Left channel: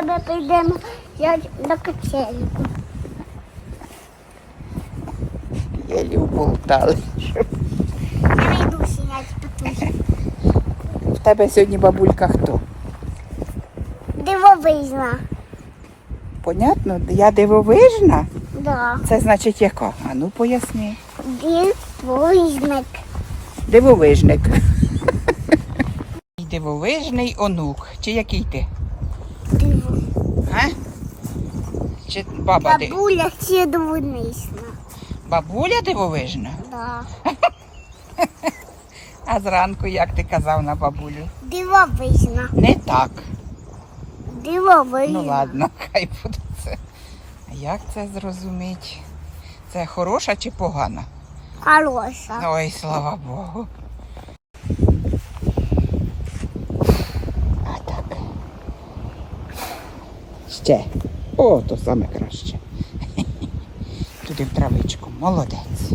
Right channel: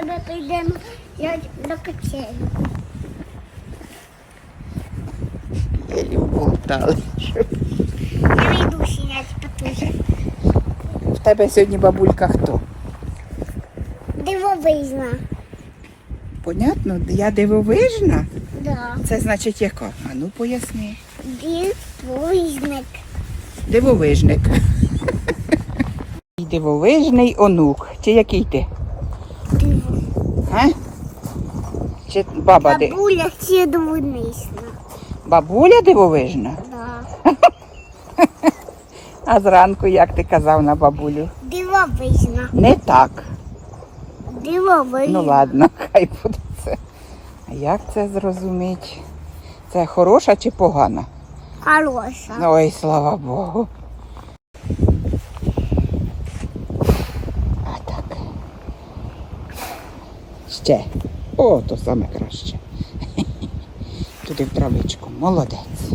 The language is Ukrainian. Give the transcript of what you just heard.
тебе прийдемо взяти на качельку. Єлі вболтали. Я йду сінять петухи. В тебе сьогодні бабулька хто? Дивовижна. Понятно, я дивовижна. Да. Це значить яка? А ну поясни. Дивовижник. Дивовижник. Дивовижний онук. Чи який ти? Диво. А? Чи баба ди... Бабуля ще дивовижна. Бабуля дивовижна? Да. А зранку, як ти казав на бабулю? Дивовижна. Не так. Дивовижна. Ну ладно, хай буде це. А Як це зрозуміти? Це хороша чи погана? Хороша. Ой, слава Богу. А так. Ще. О, то саме краще. Туди в травичку. Молодець.